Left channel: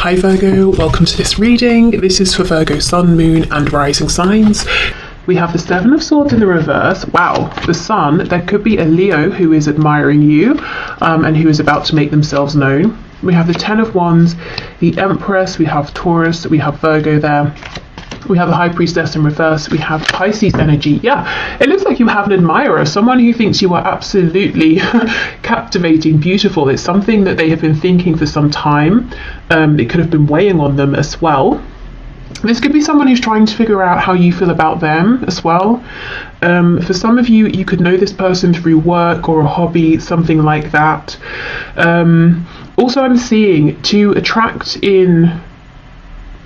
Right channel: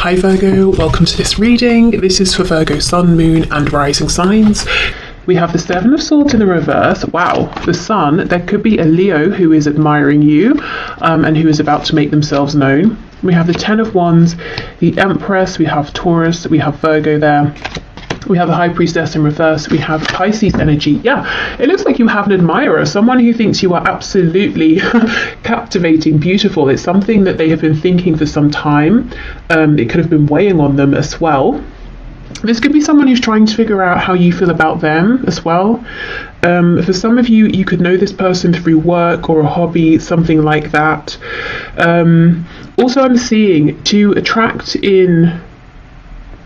Hi Virgo, welcome to this reading. This is for Virgo Sun, Moon and Rising signs. We have the Seven of Swords in the reverse. Wow, the Sun. There could be a Leo who is admiring you and who is about to make themselves known. We have the Ten of Wands, the Empress, we have Taurus, we have Virgo there. We have the High Priestess in reverse. We have Pisces energy. Yeah, it looks like you have an admirer, someone who thinks you are absolutely captivating, beautiful. It's something that they have been thinking for some time. It could have been weighing on them as well. This could be someone who's trying to figure out how you feel about them as well. For some of you, you could know this person through work or a hobby, something like that. Also, I'm seeing to attract in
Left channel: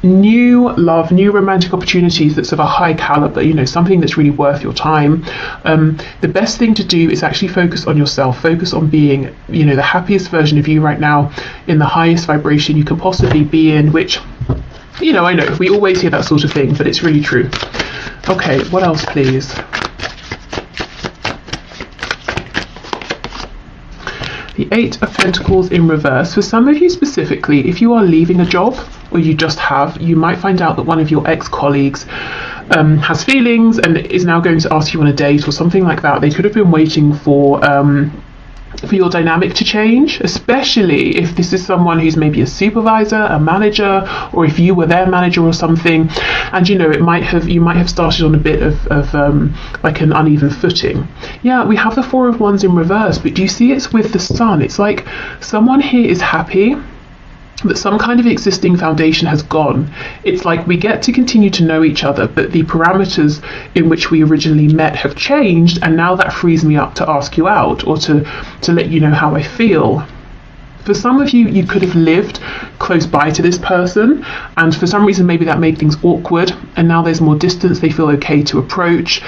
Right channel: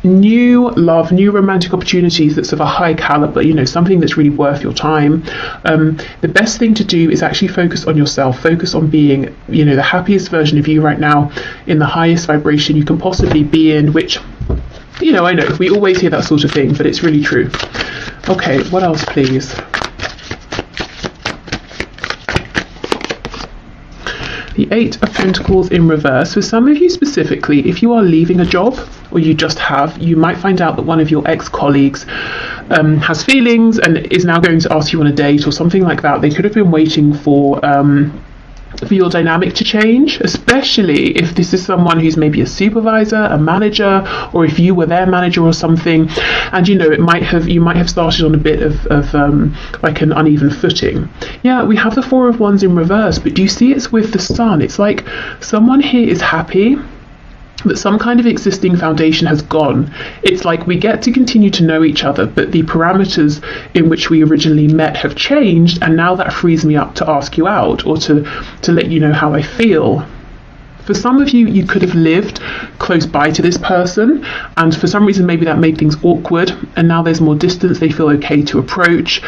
new love, new romantic opportunities that's of a high caliber, you know, something that's really worth your time. The best thing to do is actually focus on yourself, focus on being, you know, the happiest version of you right now, in the highest vibration you can possibly be in, which, you know, I know we always hear that sort of thing, but it's really true. Okay, what else please? The Eight of Pentacles in reverse. For some of you specifically, if you are leaving a job, or you just have, you might find out that one of your ex-colleagues has feelings and is now going to ask you on a date or something like that. They could have been waiting for your dynamic to change, especially if this is someone who's maybe a supervisor, a manager, or if you were their manager or something, and you know, you might have started on a bit of like an uneven footing. Yeah, we have the Four of Wands in reverse, but do you see it's with the Sun? It's like someone here is happy that some kind of existing foundation has gone. It's like we get to continue to know each other, but the parameters in which we originally met have changed, and now that frees me up to ask you out or to let you know how I feel. For some of you, you could have lived close by to this person, and for some reason maybe that made things awkward, and now there's more distance, they feel okay to approach.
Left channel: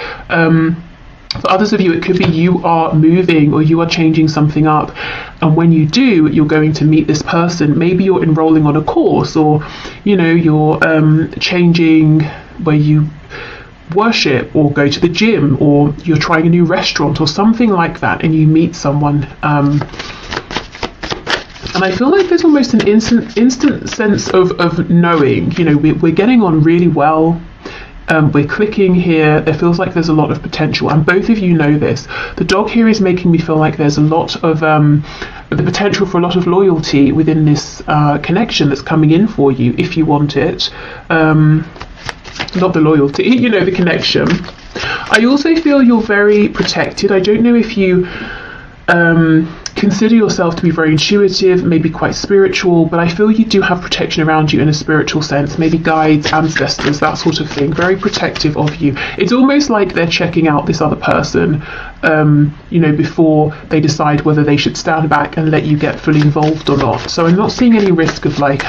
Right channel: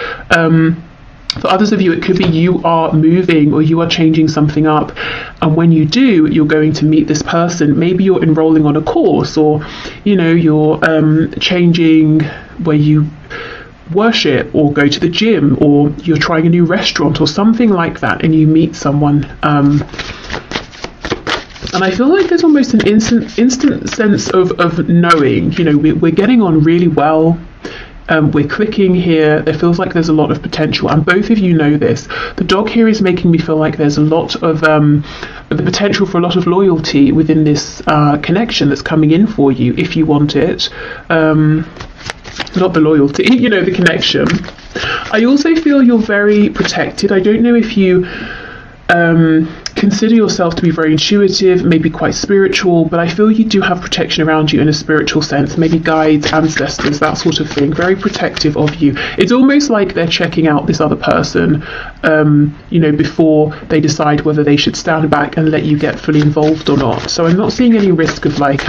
For others of you, it could be you are moving or you are changing something up, and when you do, you're going to meet this person. Maybe you're enrolling on a course, or you know, you're changing where you worship or go to the gym, or you're trying a new restaurant or something like that, and you meet someone. And I feel like there's almost an instant sense of knowing, you know, we're getting on really well. We're clicking here. There feels like there's a lot of potential, and both of you know this. The dog here is making me feel like there's a lot of the potential for a lot of loyalty within this connection that's coming in for you, if you want it. Not the loyalty, you know, the connection. I also feel you're very protected. I don't know if you consider yourself to be very intuitive, maybe quite spiritual, but I feel you do have protection around you in a spiritual sense, maybe guides, ancestors, that sort of thing, very protective of you. It's almost like they're checking out this other person, you know, before they decide whether they should stand back and let you get fully involved or not. So I'm not seeing any risk of like,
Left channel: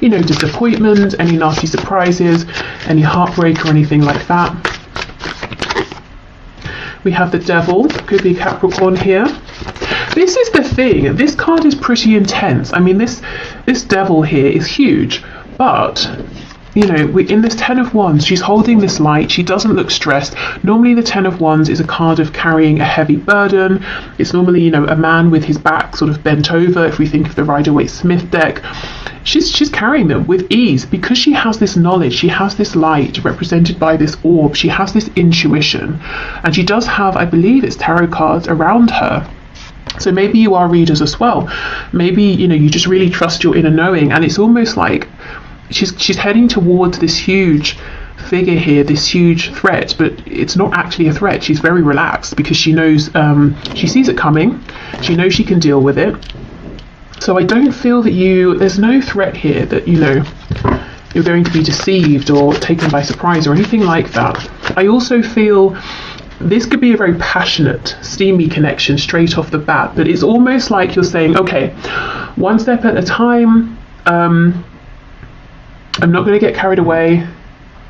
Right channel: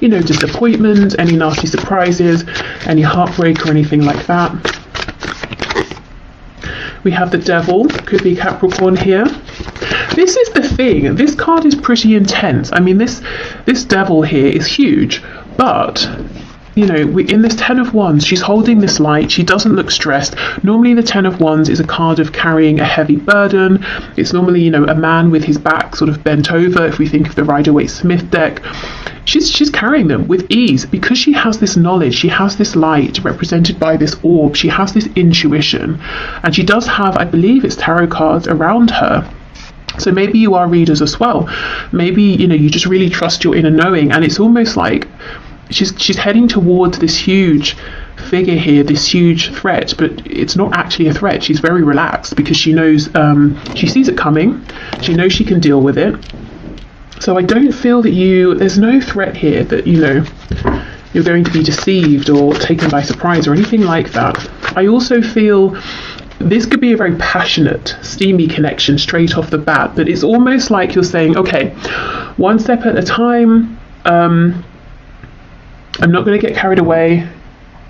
you know, disappointment, any nasty surprises, any heartbreak or anything like that. We have the Devil, could be Capricorn here. This is the thing, this card is pretty intense. I mean, this Devil here is huge, but you know, in this Ten of Wands, she's holding this light. She doesn't look stressed. Normally the Ten of Wands is a card of carrying a heavy burden. It's normally, you know, a man with his back sort of bent over, if we think of the Rider-Waite-Smith deck. She's carrying them with ease because she has this knowledge, she has this light represented by this orb, she has this intuition, and she does have, I believe it's tarot cards around her. So maybe you are readers as well. Maybe, you know, you just really trust your inner knowing, and it's almost like she's heading towards this huge figure here, this huge threat, but it's not actually a threat. She's very relaxed because she knows, she sees it coming, she knows she can deal with it. So I don't feel that there's no threat here that, you know, you're going to be deceived or taken by surprise or anything like that. I also feel this could be a very passionate, steamy connection straight off the bat, but it's almost like you're saying, okay, one step at a time. I'm not going to get carried away.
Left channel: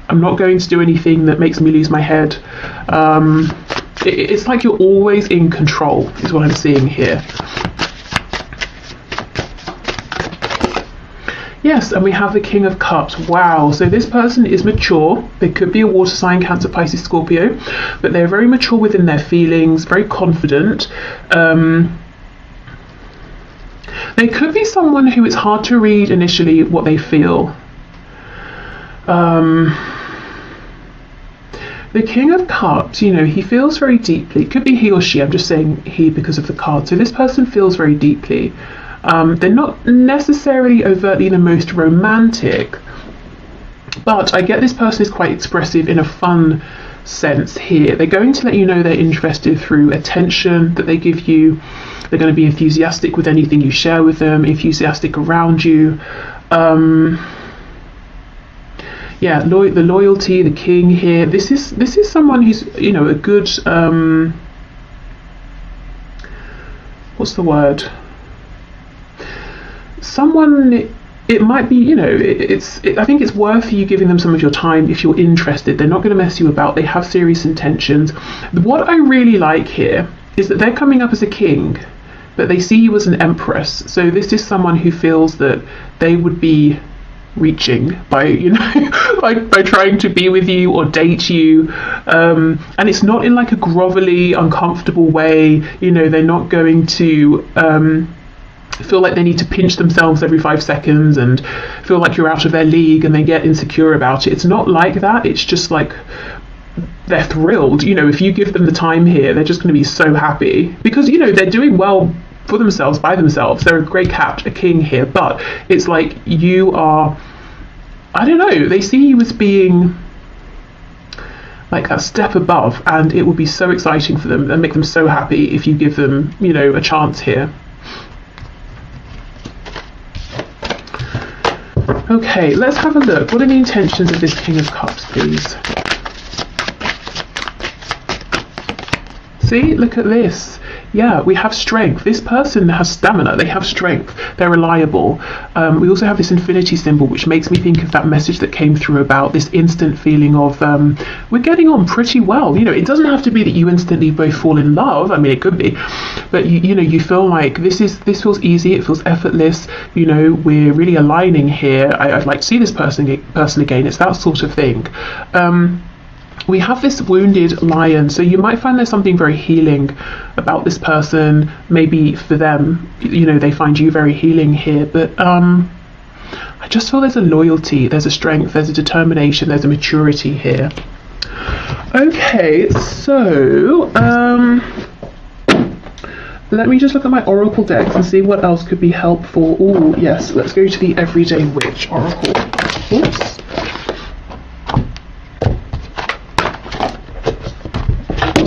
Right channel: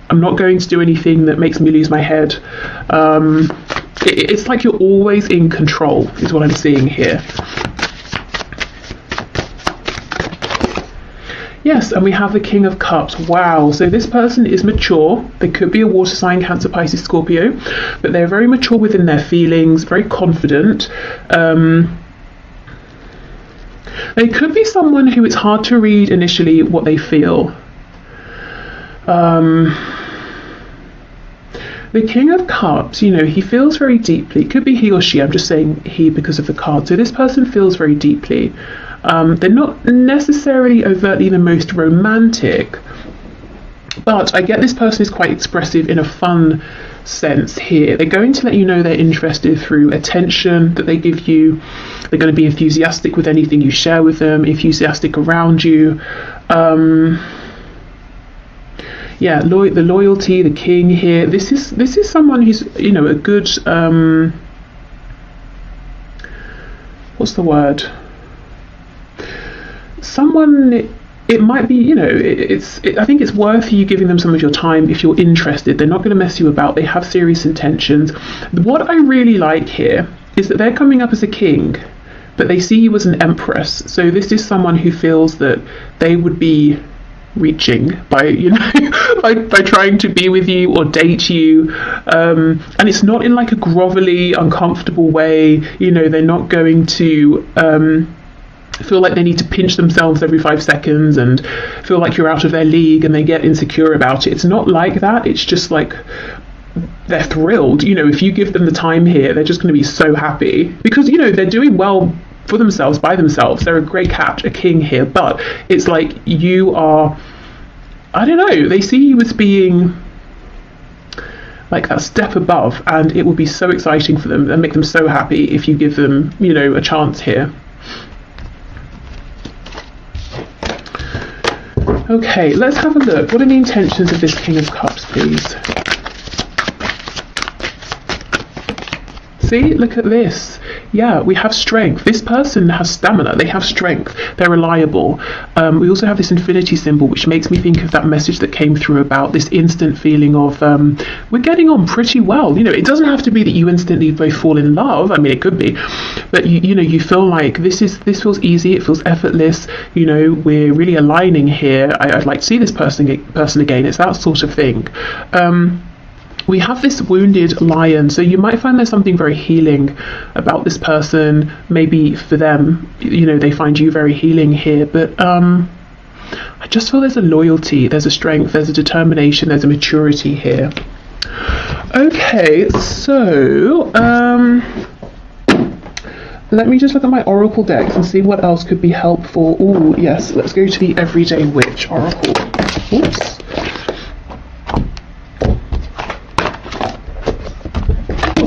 I'm not going to do anything that makes me lose my head. It's like you're always in control, is what I'm seeing here. Yes, and we have the King of Cups. Wow, so this person is mature. They could be a water sign, Cancer, Pisces, Scorpio, but they're very mature within their feelings, very confident. They could be someone who it's hard to read initially what they feel. The King of Cups, you know, he feels very deeply. It could be he or she. I'm just saying he because of the card. So this person feels very deeply. They're not necessarily overtly the most romantic, but I get this person is quite expressive in a fun sense here. They're going to let you know they're interested through attention that they give you. They're going to be enthusiastic with anything you share with them, enthusiastic around you. Yeah, the loyalty, the king here. This is someone who's, you know, a good what's the word? Someone. It might be, you know, I think it's worth you giving them some of your time if you're interested. They're not going to mess you about. They have serious intentions. What I really like here is that they're coming up as a king, but they see you as an empress. So this is someone who feels that they would be reaching by, you know, by trying to be with you or date you, and it's not in like a grovelly, uncomfortable way. You know, they're not going to feel like they need to pinch themselves every 5 seconds and feel like you're out of their league and they get insecure about it. It's not like that. It's just like they're thrilled. You know, if you give them the time here, they're just going to be so happy because, you know, they're doing well for themselves, by themselves. They're a great cat, a king here, but it's like you are, I don't know, they see you as being like a step above, and it would be so exciting for them and make them so happy if you give them, you know, a chance here. Okay, let's have a look. What are the intentions of this King of Cups, please? See, look at this. Yeah, we have strength. This person has stamina. They have strength. They're reliable. We also have this infinity symbol, which makes me think of that message that came through about this instant feeling of we're getting on pretty well. You know, it doesn't have to be that you instantly both fall in love. I mean, it could be, but you know, you feel like this feels easy. It feels effortless. You know, we're really aligning here. I'd like to see this person again. It's that sort of thing. We have this wounded lion, so you might find there's something very healing about this person. Maybe for them, you know, they find you very healing here, but I just feel there's a loyalty, there's a strength, there's a determination, there's a maturity here. Okay, so let me just look at my oracle decks and see what else could be helpful. Oh yes, let's go to the Everyday Witch oracle. Oops.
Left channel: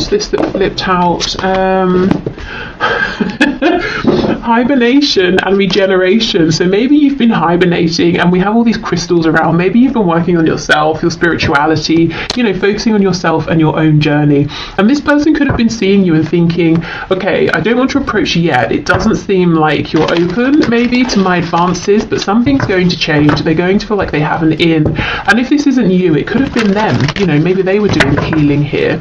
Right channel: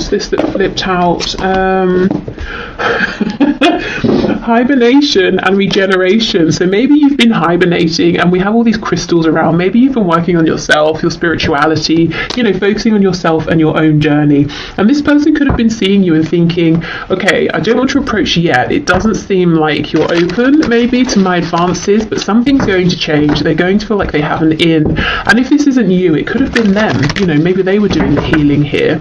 This that flipped out. Hibernation and regeneration. So maybe you've been hibernating and we have all these crystals around. Maybe you've been working on yourself, your spirituality, you know, focusing on yourself and your own journey. And this person could have been seeing you and thinking, okay, I don't want to approach you yet. It doesn't seem like you're open maybe to my advances, but something's going to change. They're going to feel like they have an in. And if this isn't you, it could have been them. You know, maybe they were doing the healing here.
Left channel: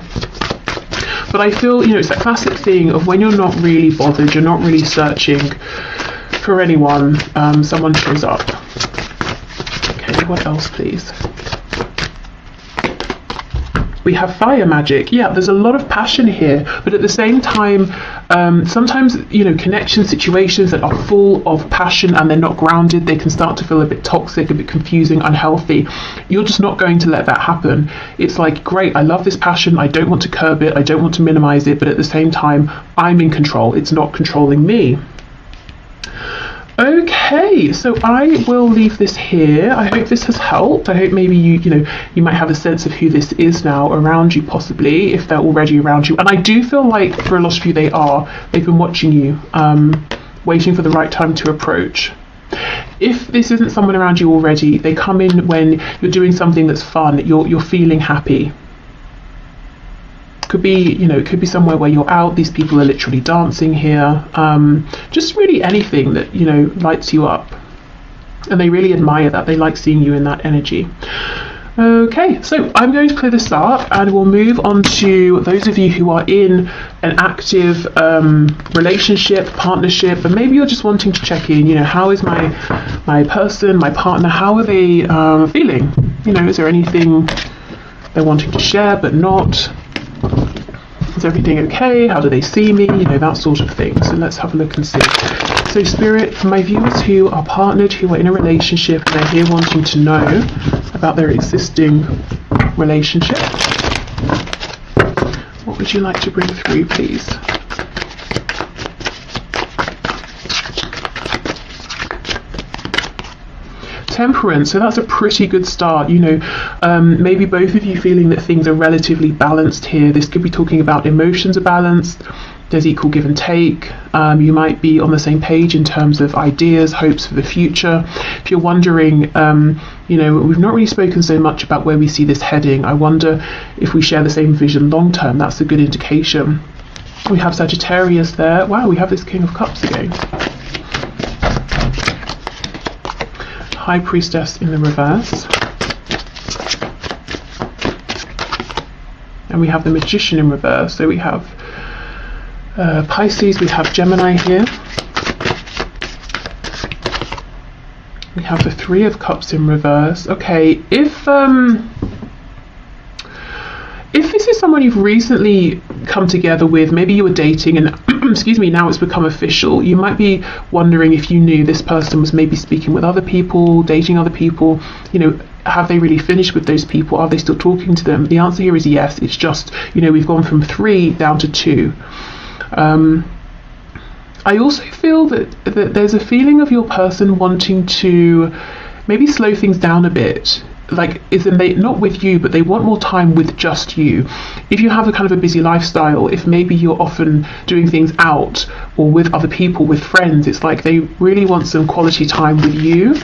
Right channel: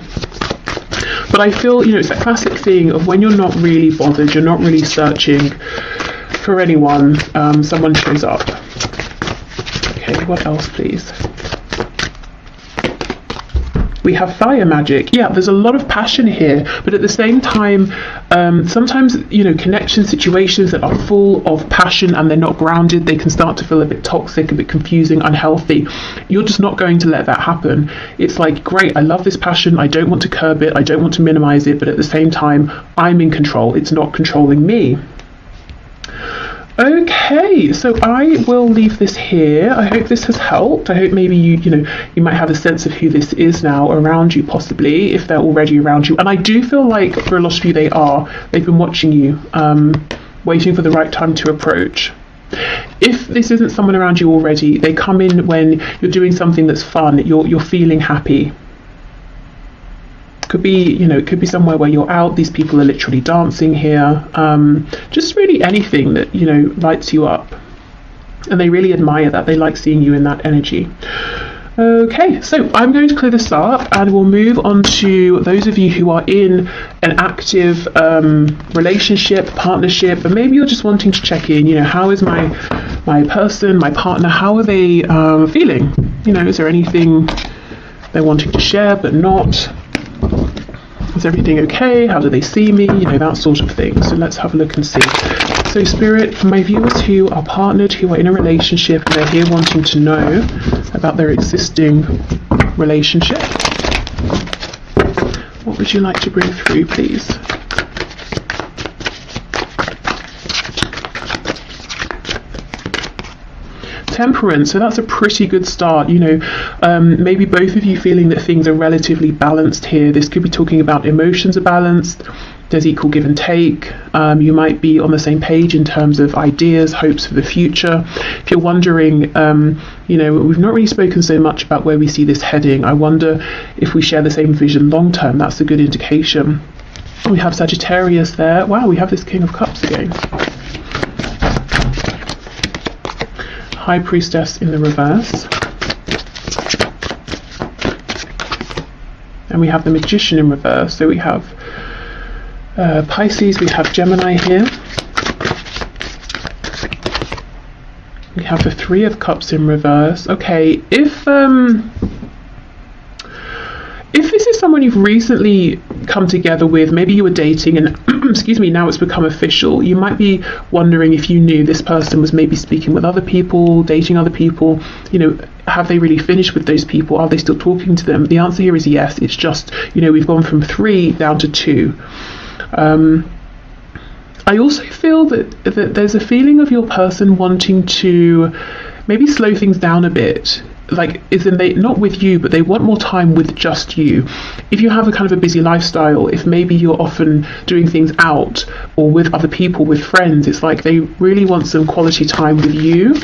But I feel, you know, it's a classic thing of when you're not really bothered, you're not really searching for anyone, someone shows up. Okay, what else, please? We have fire magic. Yeah, there's a lot of passion here, but at the same time, sometimes, you know, connection situations that are full of passion and they're not grounded, they can start to feel a bit toxic, a bit confusing, unhealthy. You're just not going to let that happen. It's like, great, I love this passion, I don't want to curb it, I don't want to minimize it, but at the same time, I'm in control, it's not controlling me. Okay, so I will leave this here. I hope this has helped. I hope maybe you might have a sense of who this is now around you, possibly, if they're already around you. And I do feel like for a lot of you, they've been watching you, waiting for the right time to approach. If this isn't someone around you already, they come in when you're doing something that's fun, you're feeling happy. Could be, you know, it could be somewhere where you're out, these people are literally dancing here, just really anything that, you know, lights you up. And they really admire that, they like seeing you in that energy. Okay, so I'm going to clear this up and we'll move on to those of you who are in an active relationship, partnership, and maybe you're just wanting to check in, you know, how is my person, my partner, how are they feeling? You know, is there anything they're wanting to share but not? Is everything okay? How do they see me? You know, that sort of thing. So let's have a look and see. So Spirit, for my viewers who are partnered, who are in a relationship, and they're here wanting to know about their existing relationship, what would you like to bring through, please? Temperance, so that's a pretty good start. You know, maybe both of you feeling that things are relatively balanced here. This could be talking about emotions are balanced, there's equal give and take. You might be on the same page in terms of ideas, hopes for the future. If you're wondering, you know, we've not really spoken so much about where we see this heading. I wonder if we share the same vision long term. That's a good indication. We have Sagittarius there. Wow, we have this King of Cups again. High Priestess in the reverse. And we have the Magician in reverse. So we have Pisces, we have Gemini here. We have the Three of Cups in reverse. Okay, if this is someone you've recently come together with, maybe you were dating and excuse me, now it's become official, you might be wondering if you knew this person was maybe speaking with other people, dating other people, you know, have they really finished with those people? Are they still talking to them? The answer here is yes. It's just, you know, we've gone from 3 down to 2. I also feel that there's a feeling of your person wanting to maybe slow things down a bit. Like, isn't they not with you, but they want more time with just you. If you have a kind of a busy lifestyle, if maybe you're often doing things out or with other people, with friends, it's like they really want some quality time with you,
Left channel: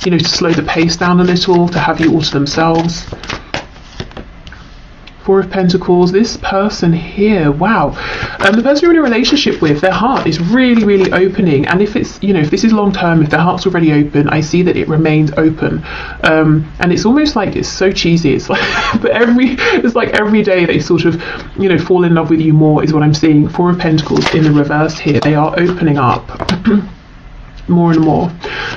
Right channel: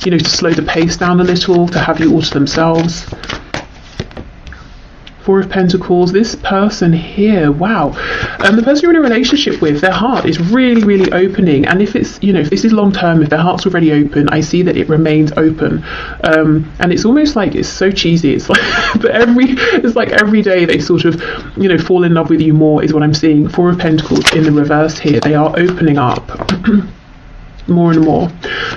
you know, to slow the pace down a little, to have you all to themselves. Four of Pentacles, this person here, wow. The person you're in a relationship with, their heart is really, really opening. And if it's, you know, if this is long term, if their heart's already open, I see that it remains open. And it's almost like, it's so cheesy. It's like, but it's like every day they sort of, you know, fall in love with you more is what I'm seeing. Four of Pentacles in the reverse here. They are opening up. More and more.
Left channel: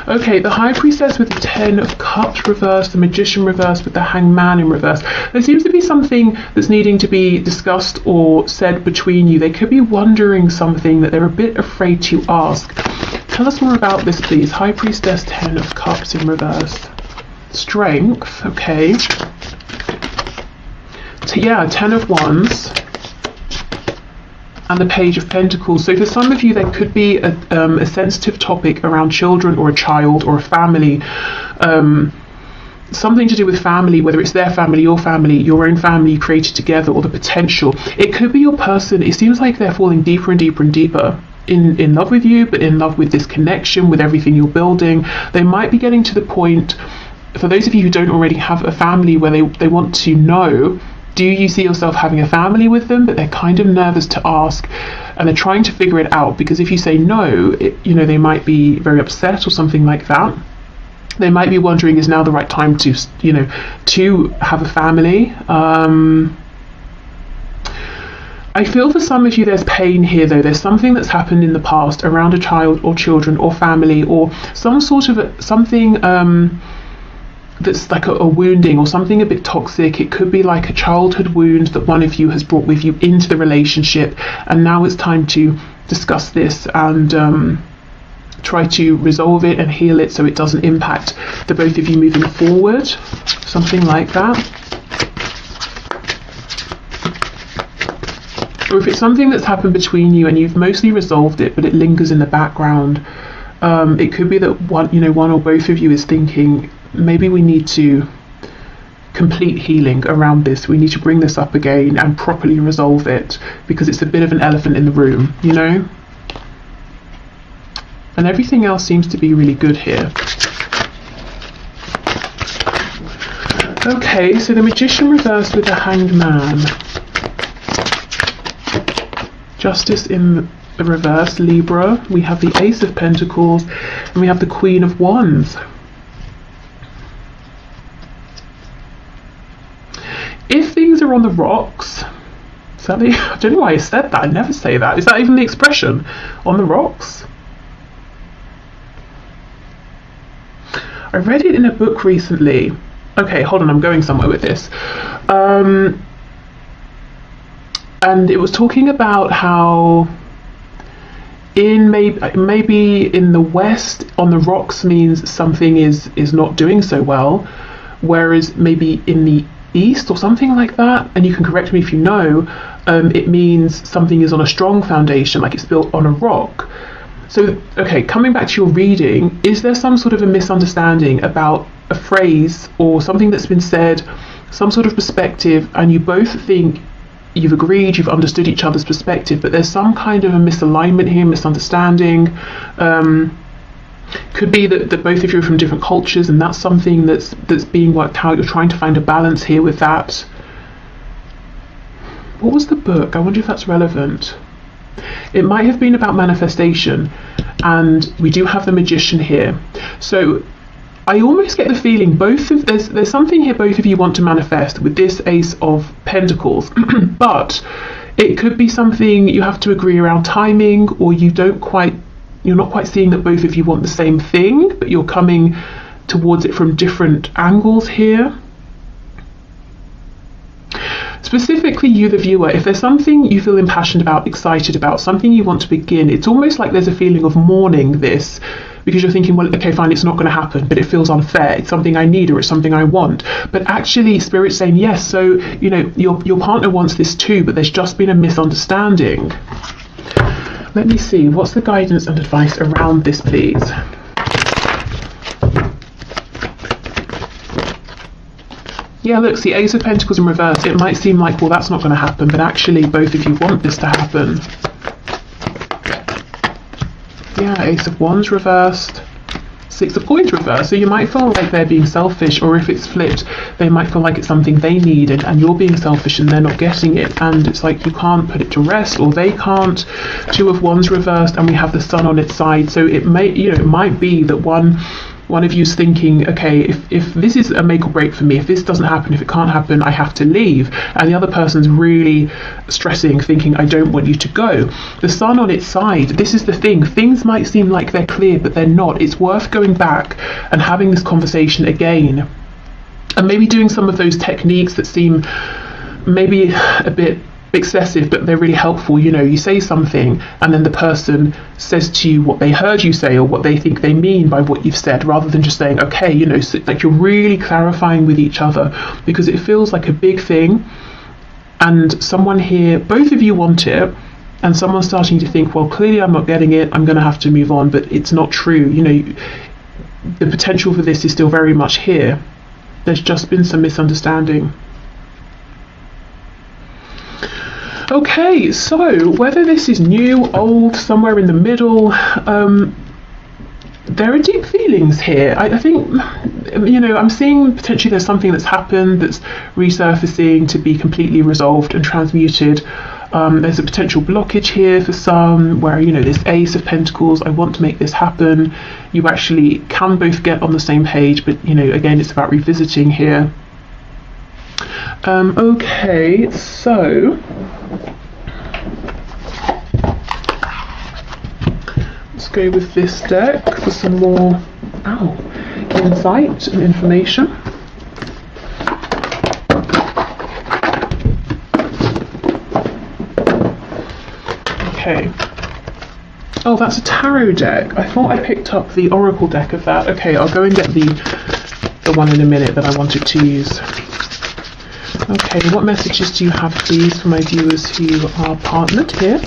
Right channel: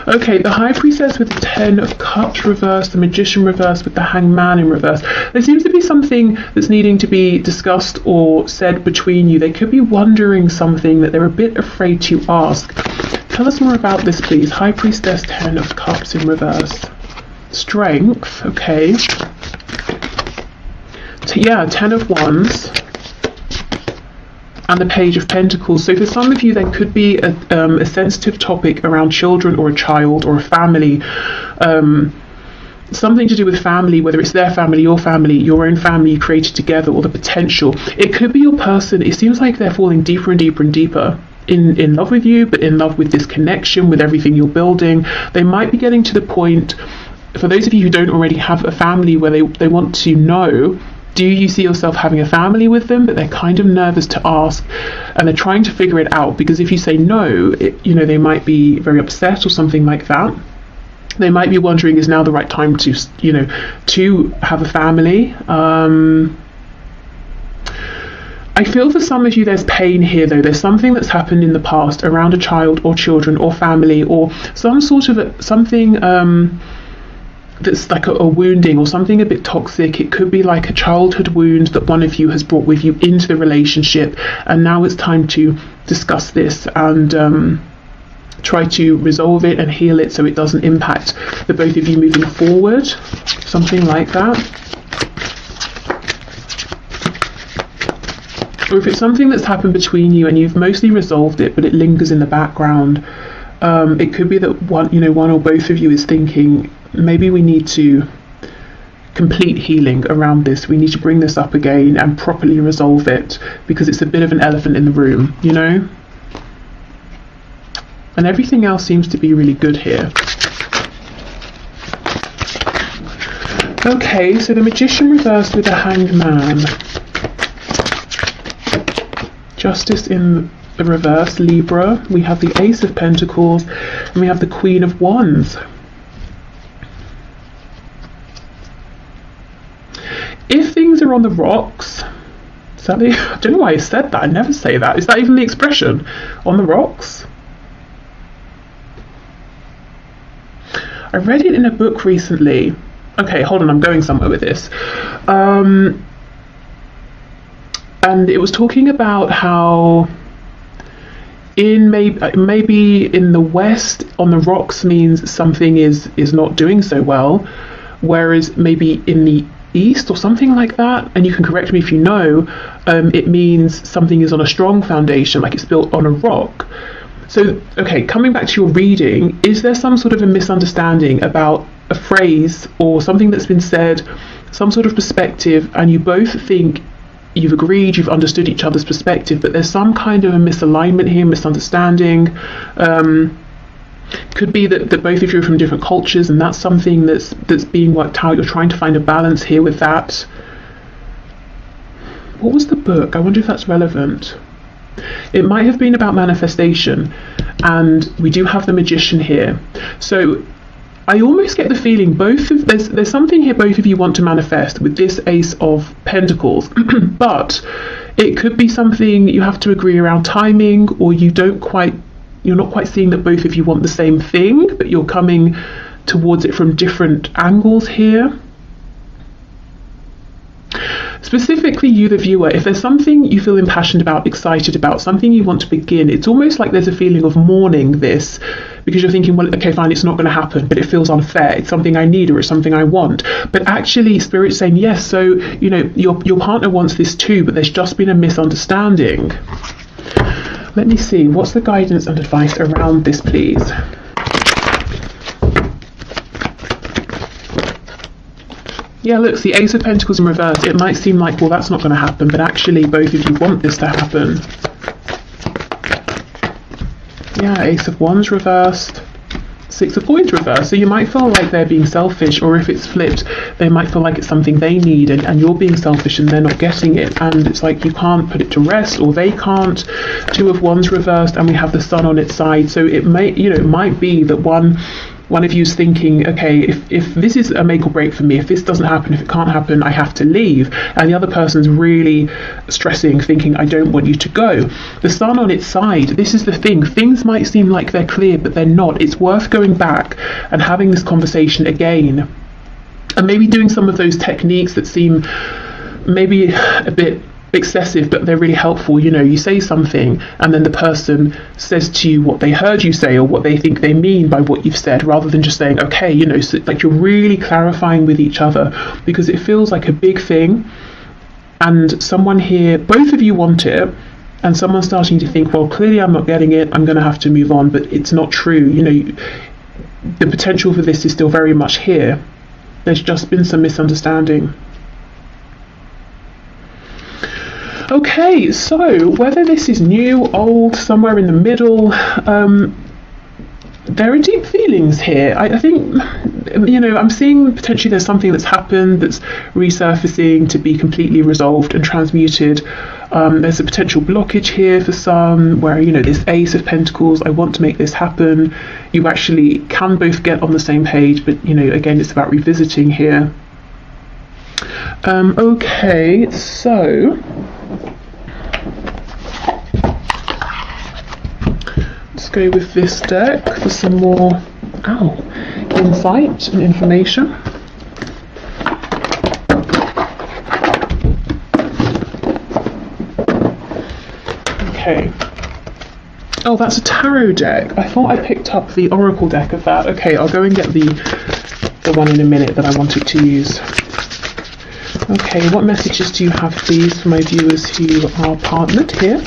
Okay, the High Priestess with the 10 of Cups reversed, the Magician reversed with the Hanged Man in reverse. There seems to be something that's needing to be discussed or said between you. They could be wondering something that they're a bit afraid to ask. Tell us more about this, please. High Priestess, 10 of Cups in reverse. Strength, okay. Yeah, 10 of Wands. And the Page of Pentacles. So for some of you, there could be a sensitive topic around children or a child or a family, something to do with family, whether it's their family, your own family you created together, or the potential. It could be your person. It seems like they're falling deeper and deeper and deeper in love with you, but in love with this connection, with everything you're building. They might be getting to the point, for those of you who don't already have a family, where they want to know, do you see yourself having a family with them? But they're kind of nervous to ask, and they're trying to figure it out, because if you say no, you know, they might be very upset or something like that. They might be wondering, is now the right time to, you know, to have a family? I feel for some of you there's pain here though. There's something that's happened in the past around a child or children or family, or some sort of something that's like a wounding or something a bit toxic. It could be like a childhood wound that one of you has brought with you into the relationship, and now it's time to discuss this and try to resolve it and heal it so it doesn't impact the both of you moving forward. Something like that. Or if it's something that's happened between you and you've mostly resolved it, but it lingers in the background, it could be that one or both of you is thinking, maybe we need to complete healing around this. We need to bring this up again and properly resolve it, because it's a bit of an elephant in the room, you know? And everything else seems to be really good here. Okay, so the Magician reversed with the Hanged Man. Justice in the reverse, Libra. We have the Ace of Pentacles, and we have the Queen of Wands. If things are on the rocks, I don't know why I said that. I never say that. Is that even the expression? On the rocks? I read it in a book recently. Okay, hold on, I'm going somewhere with this. And and it was talking about how maybe in the West on the rocks means something is not doing so well, whereas maybe in the East or something like that, and you can correct me if you know, it means something is on a strong foundation, like it's built on a rock. So, okay, coming back to your reading, is there some sort of a misunderstanding about a phrase or something that's been said, some sort of perspective, and you both think you've agreed, you've understood each other's perspective, but there's some kind of a misalignment here, misunderstanding? Could be that both of you are from different cultures, and that's something that's being worked out. You're trying to find a balance here with that. What was the book? I wonder if that's relevant. It might have been about manifestation, and we do have the Magician here. So I almost get the feeling there's something here both of you want to manifest with this Ace of Pentacles, but it could be something you have to agree around timing, or you're not quite seeing that both of you want the same thing, but you're coming towards it from different angles here. Specifically you, the viewer, if there's something you feel impassioned about, excited about, something you want to begin, it's almost like there's a feeling of mourning this, because you're thinking, well, okay, fine, it's not going to happen, but it feels unfair. It's something I need, or it's something I want. But actually, Spirit's saying, yes, so, you know, your partner wants this too, but there's just been a misunderstanding. Let me see, what's the guidance and advice around this, please? Yeah, look, the Ace of Pentacles in reverse. It might seem like, well, that's not going to happen, but actually both of you want this to happen. Yeah, Ace of Wands reversed, Six of Coins reversed. So you might feel like they're being selfish, or if it's flipped, they might feel like it's something they need, and you're being selfish and they're not getting it, and it's like you can't put it to rest, or they can't. Two of Wands reversed, and we have the Sun on its side. So it might be that one of you is thinking, okay, if this is a make or break for me, if this doesn't happen, if it can't happen, I have to leave. And the other person's really stressing, thinking, I don't want you to go. The Sun on its side, this is the thing. Things might seem like they're clear, but they're not. It's worth going back and having this conversation again. And maybe doing some of those techniques that seem maybe a bit excessive, but they're really helpful. You know, you say something and then the person says to you what they heard you say, or what they think they mean by what you've said, rather than just saying, okay, you know, so, like, you're really clarifying with each other, because it feels like a big thing, and someone here, both of you want it, and someone's starting to think, well, clearly I'm not getting it, I'm going to have to move on. But it's not true. You know, the potential for this is still very much here. There's just been some misunderstanding. Okay, so whether this is new, old, somewhere in the middle, there are deep feelings here. I think, you know, I'm seeing potentially there's something that's happened that's resurfacing to be completely resolved and transmuted. There's a potential blockage here for some, where, you know, this Ace of Pentacles, I want to make this happen. You actually can both get on the same page, but, you know, again, it's about revisiting here. Okay, so let's go with this deck for some more insight and information. Okay. Oh, that's a tarot deck. I thought I picked up the oracle deck of that. Okay, I'll go and get the one in a minute that I wanted to use. Okay, what messages do you have, please, for my viewers who are partnered here?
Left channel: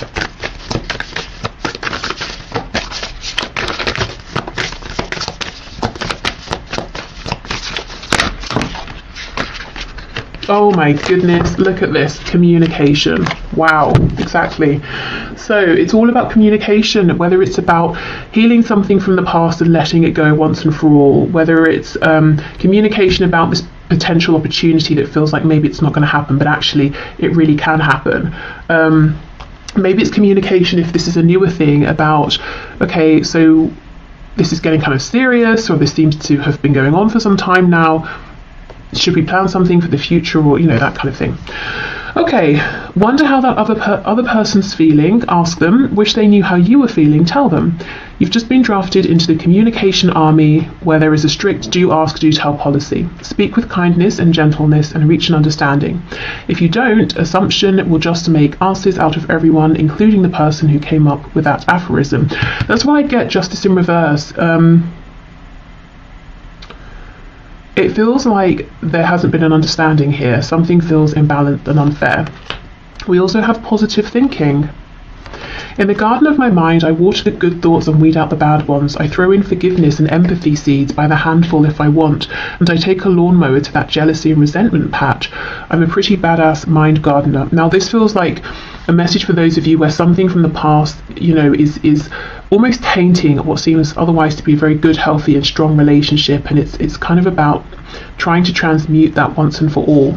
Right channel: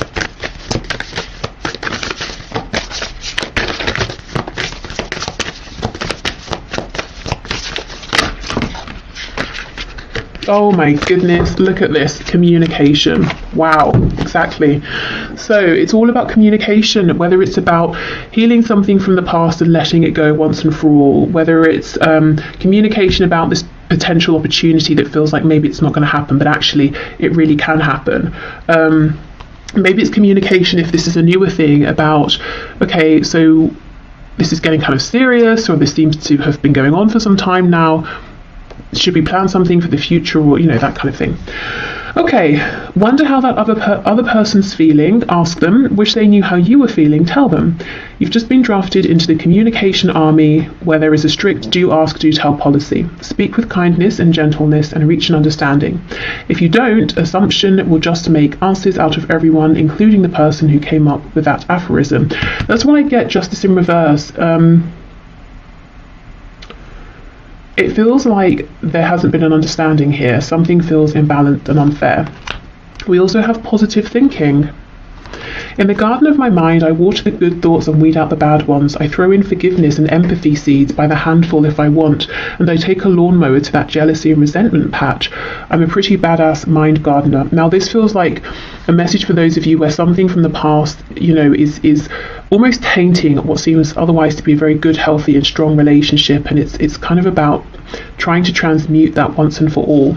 Oh my goodness, look at this, communication. Wow, exactly. So it's all about communication, whether it's about healing something from the past and letting it go once and for all, whether it's communication about this potential opportunity that feels like maybe it's not going to happen, but actually it really can happen. Maybe it's communication, if this is a newer thing, about, okay, so this is getting kind of serious, or this seems to have been going on for some time now. Should we plan something for the future, or, you know, that kind of thing. Okay, wonder how that other person's feeling. Ask them. Wish they knew how you were feeling. Tell them. You've just been drafted into the communication army, where there is a strict do ask, do tell policy. Speak with kindness and gentleness and reach an understanding. If you don't, assumption will just make asses out of everyone, including the person who came up with that aphorism. That's why I get Justice in reverse. It feels like there hasn't been an understanding here. Something feels imbalanced and unfair. We also have positive thinking. In the garden of my mind, I water the good thoughts and weed out the bad ones. I throw in forgiveness and empathy seeds by the handful if I want, and I take a lawnmower to that jealousy and resentment patch. I'm a pretty badass mind gardener. Now, this feels like a message for those of you where something from the past, is almost tainting what seems otherwise to be a very good, healthy, and strong relationship, and it's kind of about trying to transmute that once and for all.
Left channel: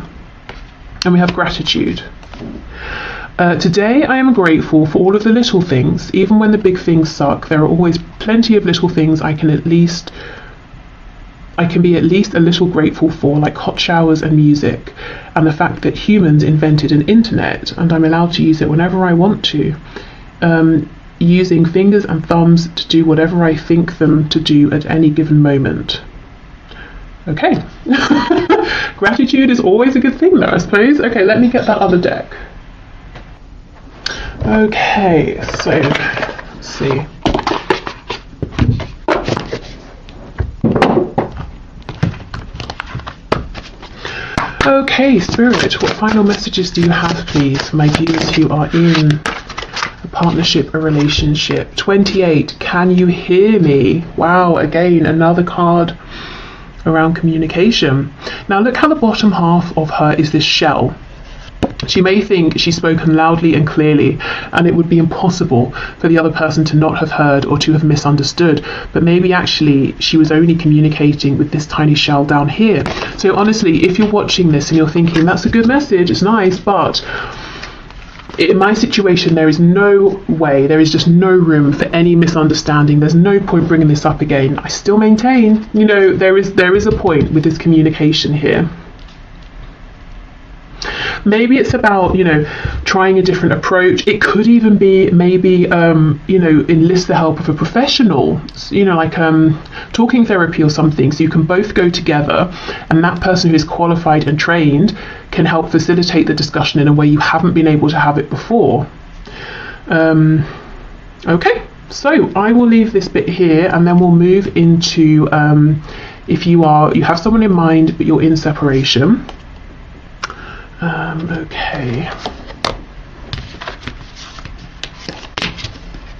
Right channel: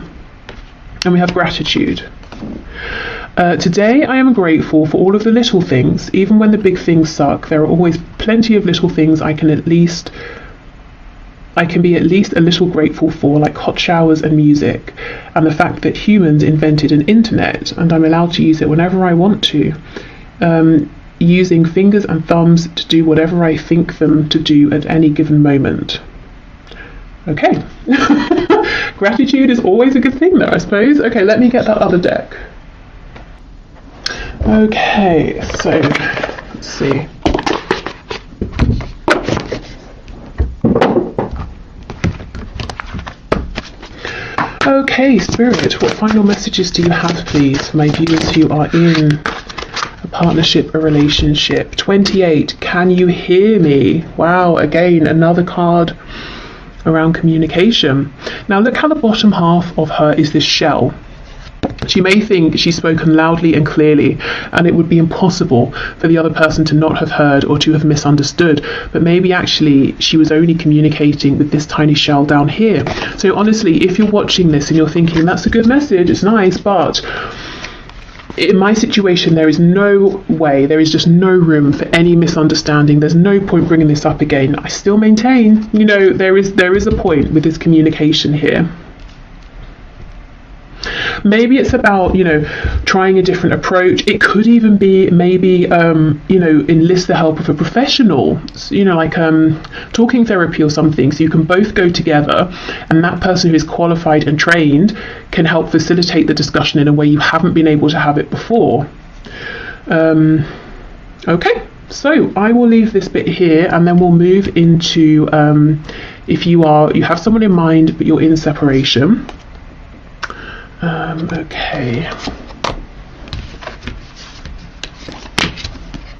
And we have gratitude. Today I am grateful for all of the little things. Even when the big things suck, there are always plenty of little things I can be at least a little grateful for, like hot showers and music, and the fact that humans invented an internet and I'm allowed to use it whenever I want to, using fingers and thumbs to do whatever I think them to do at any given moment. Okay. Gratitude is always a good thing though, I suppose. Okay, let me get that other deck. Okay, so let's see. Okay, Spirit, what final messages do you have, please, for my viewers who are in a partnership, a relationship? 28, can you hear me? Wow, again, another card around communication. Now look how the bottom half of her is this shell. She may think she's spoken loudly and clearly, and it would be impossible for the other person to not have heard or to have misunderstood, but maybe actually she was only communicating with this tiny shell down here. So honestly, if you're watching this and you're thinking, that's a good message, it's nice, but in my situation, there is no way, there is just no room for any misunderstanding. There's no point bringing this up again. I still maintain, there is a point with this communication here. Maybe it's about, trying a different approach. It could even be maybe, enlist the help of a professional, like talking therapy or something, so you can both go together and that person who is qualified and trained can help facilitate the discussion in a way you haven't been able to have it before. Okay, so I will leave this bit here and then we'll move into if you have someone in mind but you're in separation. Okay.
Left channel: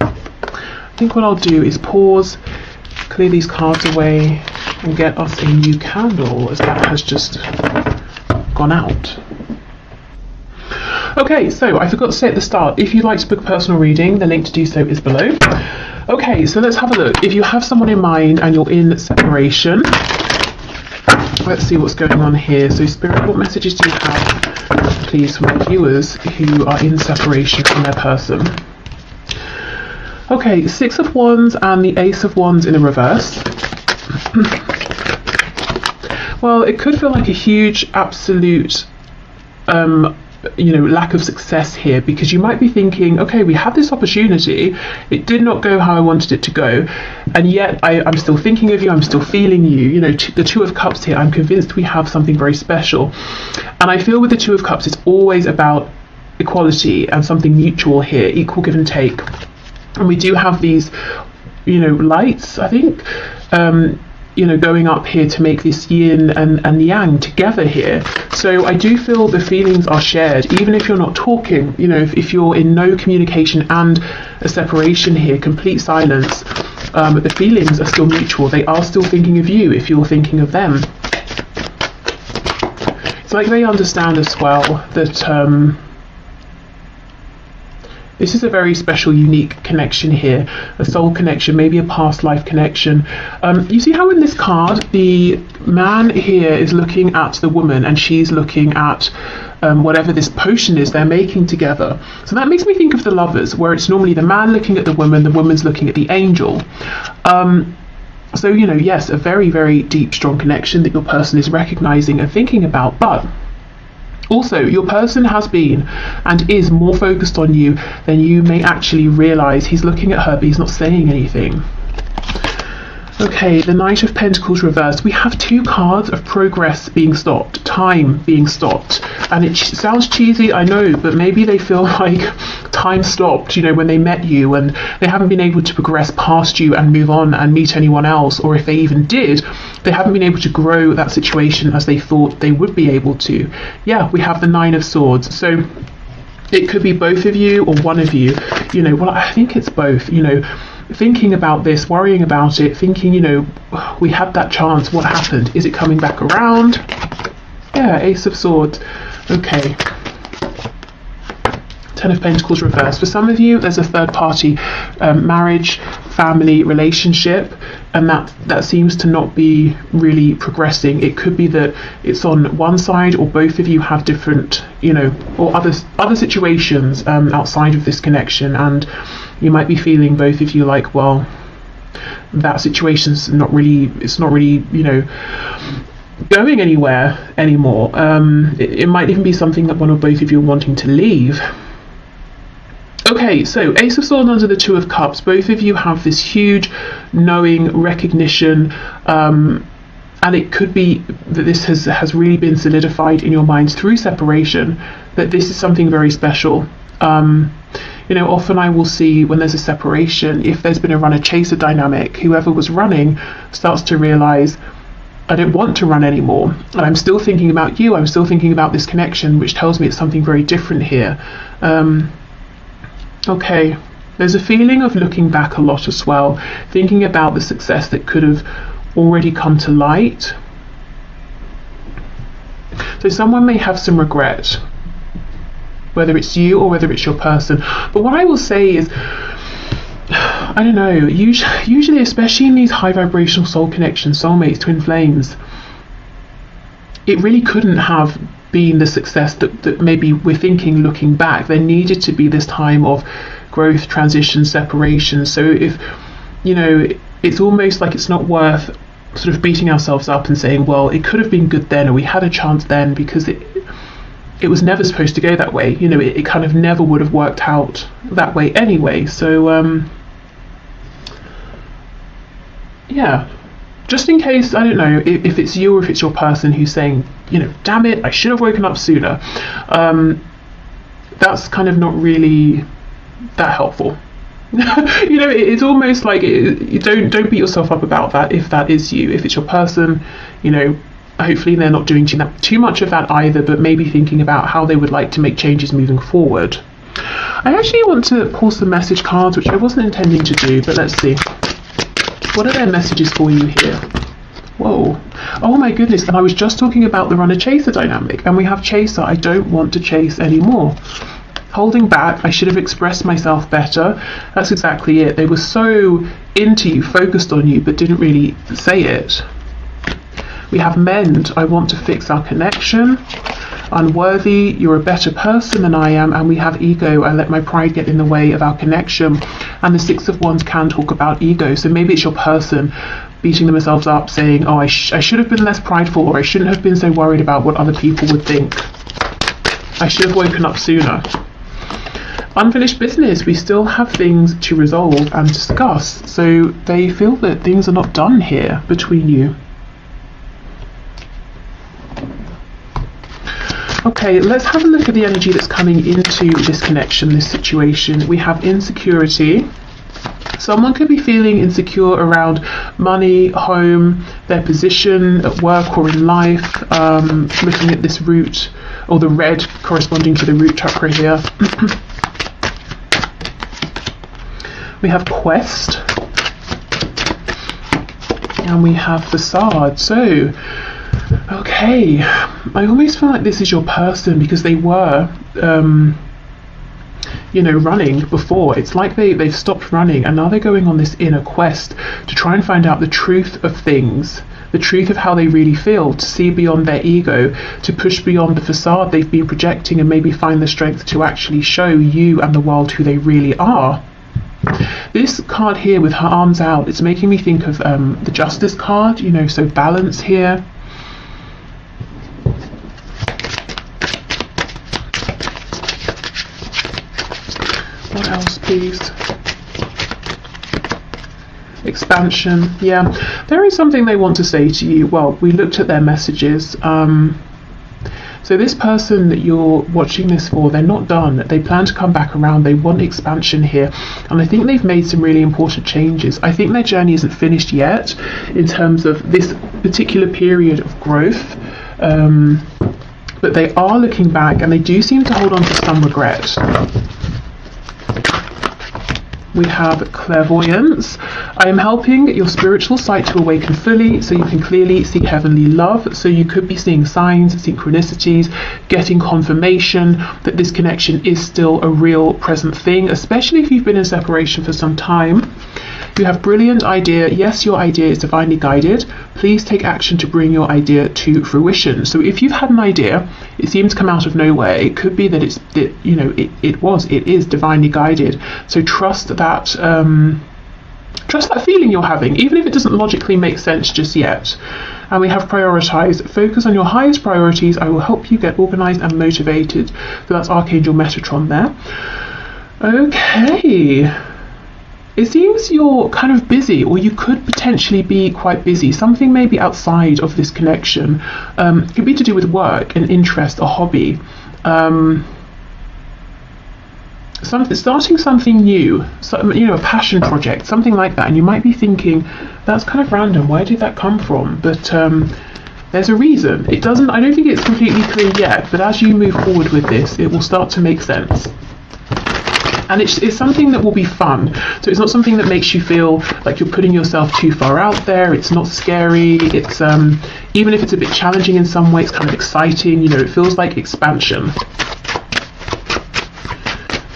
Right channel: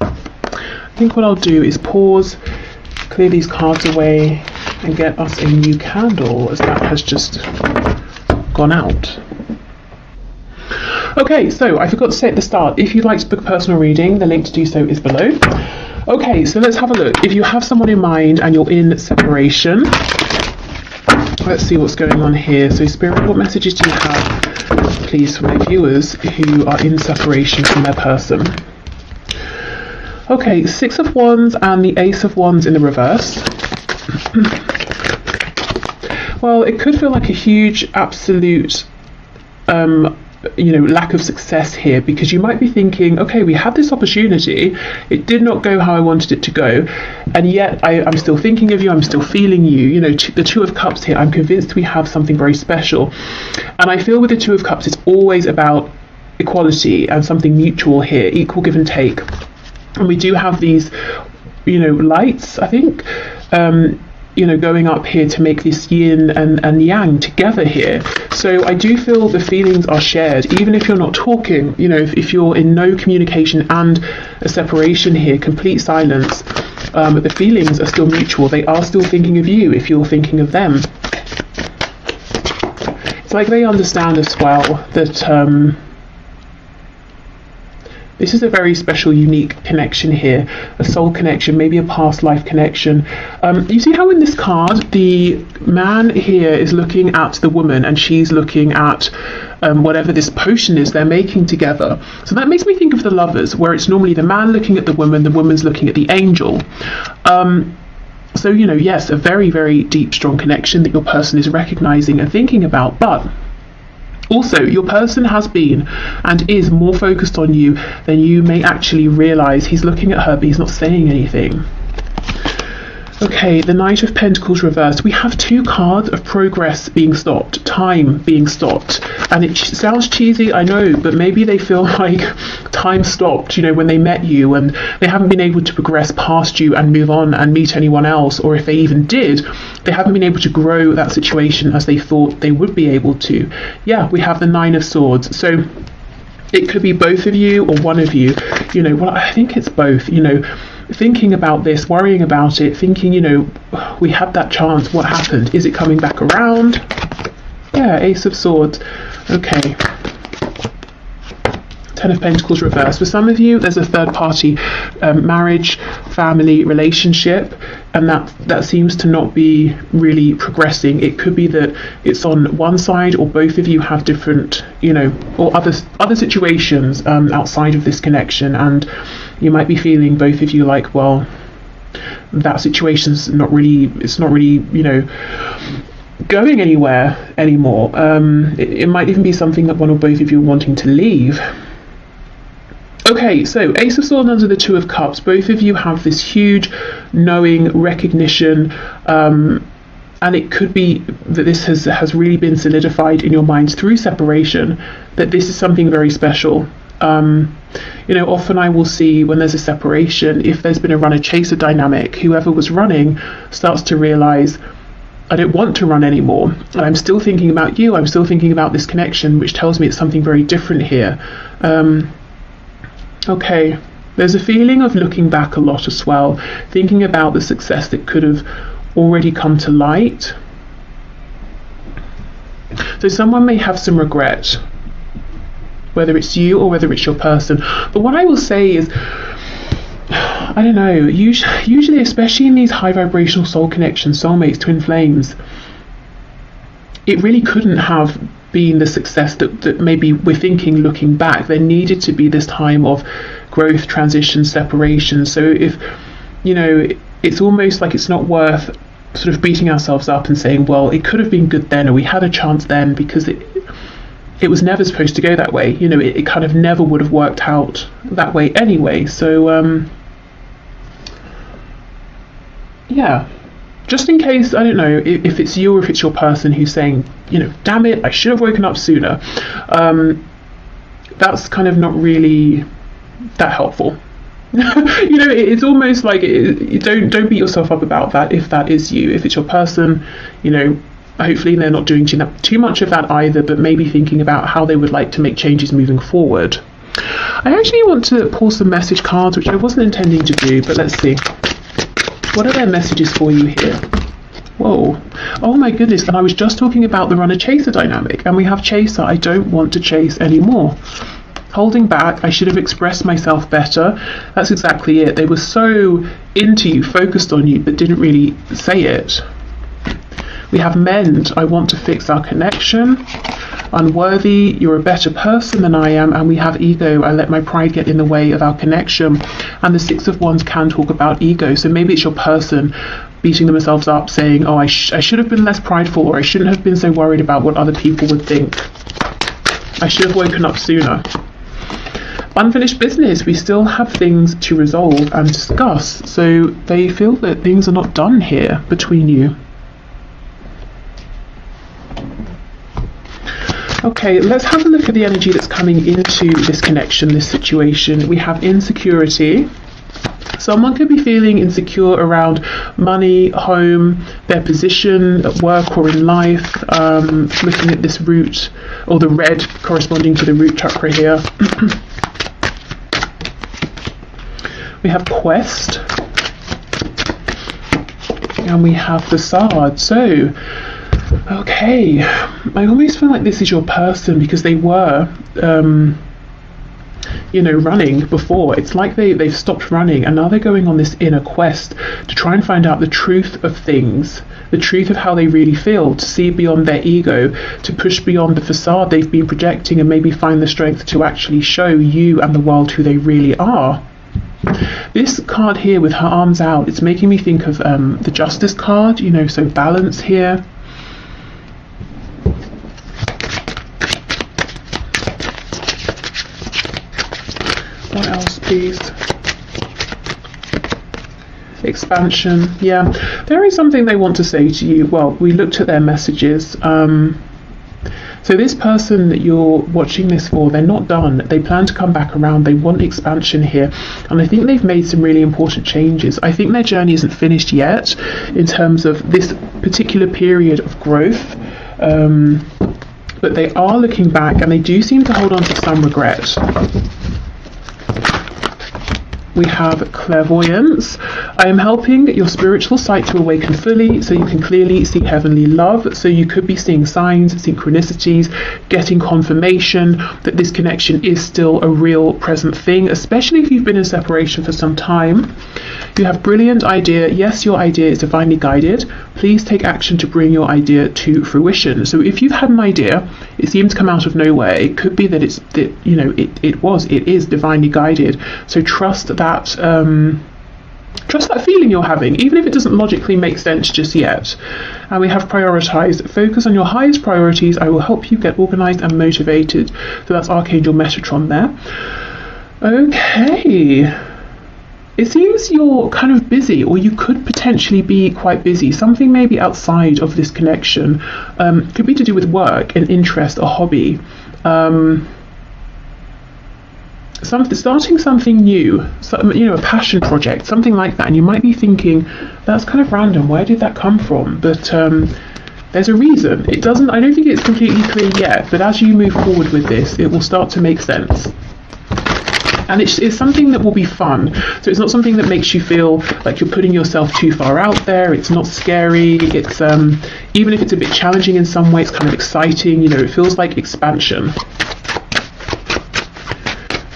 I think what I'll do is pause, clear these cards away, and get us a new candle as that has just gone out. Okay, so I forgot to say at the start, if you'd like to book a personal reading, the link to do so is below. Okay, so let's have a look. If you have someone in mind and you're in separation, let's see what's going on here. So Spirit, what messages do you have, please, for my viewers who are in separation from their person? Okay, 6 of Wands and the Ace of Wands in the reverse. Well, it could feel like a huge, absolute, lack of success here, because you might be thinking, okay, we had this opportunity, it did not go how I wanted it to go, and yet I'm still thinking of you, I'm still feeling you. The Two of Cups here, I'm convinced we have something very special. And I feel with the Two of Cups, it's always about equality and something mutual here, equal give and take. And we do have these, lights, I think, going up here to make this yin and yang together here. So I do feel the feelings are shared, even if you're not talking, if you're in no communication and a separation here, complete silence, the feelings are still mutual. They are still thinking of you if you're thinking of them. It's like they understand as well that this is a very special, unique connection here, a soul connection, maybe a past life connection. You see how in this card, the man here is looking at the woman and she's looking at whatever this potion is they're making together. So that makes me think of the Lovers, where it's normally the man looking at the woman's looking at the angel. So, yes, a very, very deep, strong connection that your person is recognizing and thinking about. But Also, your person has been and is more focused on you than you may actually realise. He's looking at her, but he's not saying anything. Okay, the Knight of Pentacles reversed. We have two cards of progress being stopped, time being stopped. And it sounds cheesy, I know, but maybe they feel like time stopped, you know, when they met you and they haven't been able to progress past you and move on and meet anyone else. Or if they even did, they haven't been able to grow that situation as they thought they would be able to. Yeah, we have the Nine of Swords. So it could be both of you or one of you, you know, well, I think it's both, you know, thinking about this, worrying about it, thinking, you know, we had that chance, what happened? Is it coming back around? Yeah, Ace of Swords. Okay. Ten of Pentacles reversed. For some of you, there's a third party marriage, family, relationship, and that seems to not be really progressing. It could be that it's on one side or both of you have different, you know, or other situations outside of this connection, and you might be feeling, both of you, like, well, that situation's not really, you know, going anywhere anymore. It might even be something that one or both of you are wanting to leave. Okay, so Ace of Swords under the Two of Cups. Both of you have this huge knowing, recognition, and it could be that this has really been solidified in your minds through separation, that this is something very special. You know, often I will see when there's a separation, if there's been a runner-chaser dynamic, whoever was running starts to realise, I don't want to run anymore. And I'm still thinking about you, I'm still thinking about this connection, which tells me it's something very different here. Okay, there's a feeling of looking back a lot as well, thinking about the success that could have already come to light. So someone may have some regret, whether it's you or whether it's your person. But what I will say is, I don't know, usually, especially in these high vibrational soul connections, soulmates, twin flames, it really couldn't have been the success that maybe we're thinking looking back. There needed to be this time of growth, transition, separation. So if, you know, it's almost like it's not worth sort of beating ourselves up and saying, well, it could have been good then, or we had a chance then, because it was never supposed to go that way. You know, it kind of never would have worked out that way anyway. So yeah, just in case, I don't know if it's you or if it's your person who's saying, you know, damn it, I should have woken up sooner. That's kind of not really that helpful. You know, it's almost like you don't beat yourself up about that if that is you. If it's your person, you know, hopefully they're not doing too much of that either, but maybe thinking about how they would like to make changes moving forward. I actually want to pull some message cards, which I wasn't intending to do, but let's see. What are their messages for you here? Whoa. Oh my goodness, and I was just talking about the runner-chaser dynamic, and we have chaser. I don't want to chase anymore. Holding back, I should have expressed myself better. That's exactly it. They were so into you, focused on you, but didn't really say it. We have mend. I want to fix our connection. Unworthy. You're a better person than I am. And we have ego. I let my pride get in the way of our connection. And the Six of Wands can talk about ego. So maybe it's your person beating themselves up, saying, oh, I should have been less prideful, or I shouldn't have been so worried about what other people would think. I should have woken up sooner. Unfinished business. We still have things to resolve and discuss. So they feel that things are not done here between you. Okay, let's have a look at the energy that's coming into this connection, this situation. We have insecurity. Someone could be feeling insecure around money, home, their position at work or in life. Looking at this root, or the red corresponding to the root chakra here. We have quest. And we have facade. So, okay, I almost feel like this is your person because they were, you know, running before. It's like they've stopped running and now they're going on this inner quest to try and find out the truth of things, the truth of how they really feel, to see beyond their ego, to push beyond the facade they've been projecting and maybe find the strength to actually show you and the world who they really are. This card here with her arms out, it's making me think of the Justice card, you know, so balance here. What else, please? Expansion. Yeah, there is something they want to say to you. Well, we looked at their messages. So this person that you're watching this for, they're not done. They plan to come back around. They want expansion here. And I think they've made some really important changes. I think their journey isn't finished yet in terms of this particular period of growth. But they are looking back, and they do seem to hold on to some regret. We have clairvoyance. I am helping your spiritual sight to awaken fully so you can clearly see heavenly love. So you could be seeing signs, synchronicities, getting confirmation that this connection is still a real present thing, especially if you've been in separation for some time. You have brilliant idea. Yes, your idea is divinely guided. Please take action to bring your idea to fruition. So if you've had an idea, it seemed to come out of nowhere. It could be that it is divinely guided. So trust that feeling you're having, even if it doesn't logically make sense just yet. And we have prioritized. Focus on your highest priorities. I will help you get organized and motivated. So that's Archangel Metatron there. Okay. It seems you're kind of busy, or you could potentially be quite busy. Something maybe outside of this connection. Could be to do with work, an interest, a hobby. Starting something new, a passion project, something like that. And you might be thinking, that's kind of random. Where did that come from? But there's a reason. I don't think it's completely clear yet, but as you move forward with this, it will start to make sense. And it's something that will be fun. So it's not something that makes you feel like you're putting yourself too far out there. It's not scary. It's even if it's a bit challenging in some way, it's kind of exciting. It feels like expansion.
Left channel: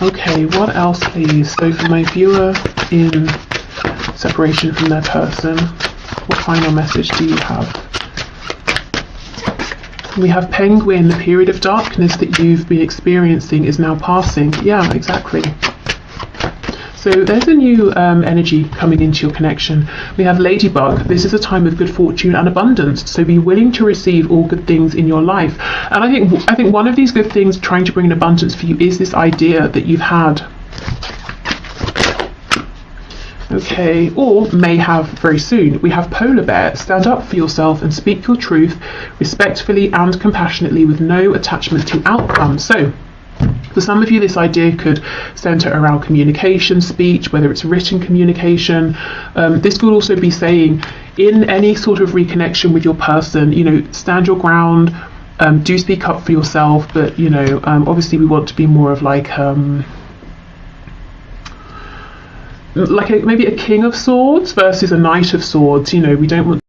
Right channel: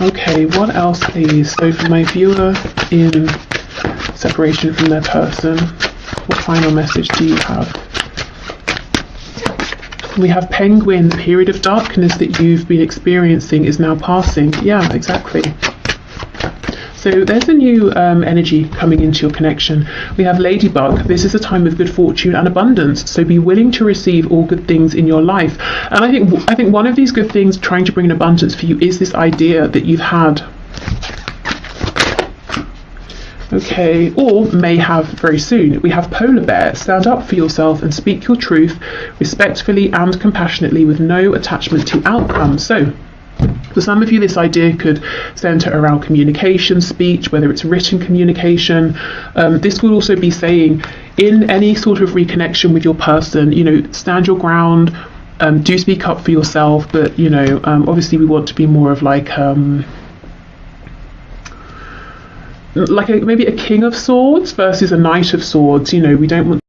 Okay, what else, please? So for my viewer in separation from their person, what final message do you have? We have Penguin. The period of darkness that you've been experiencing is now passing. Yeah, exactly. So there's a new energy coming into your connection. We have Ladybug. This is a time of good fortune and abundance. So be willing to receive all good things in your life. And I think one of these good things trying to bring an abundance for you is this idea that you've had. Okay, or may have very soon. We have Polar Bear. Stand up for yourself and speak your truth respectfully and compassionately with no attachment to outcomes. So for some of you, this idea could center around communication, speech, whether it's written communication. This could also be saying in any sort of reconnection with your person, stand your ground, do speak up for yourself, but obviously we want to be more of like maybe a King of Swords versus a Knight of Swords. We don't want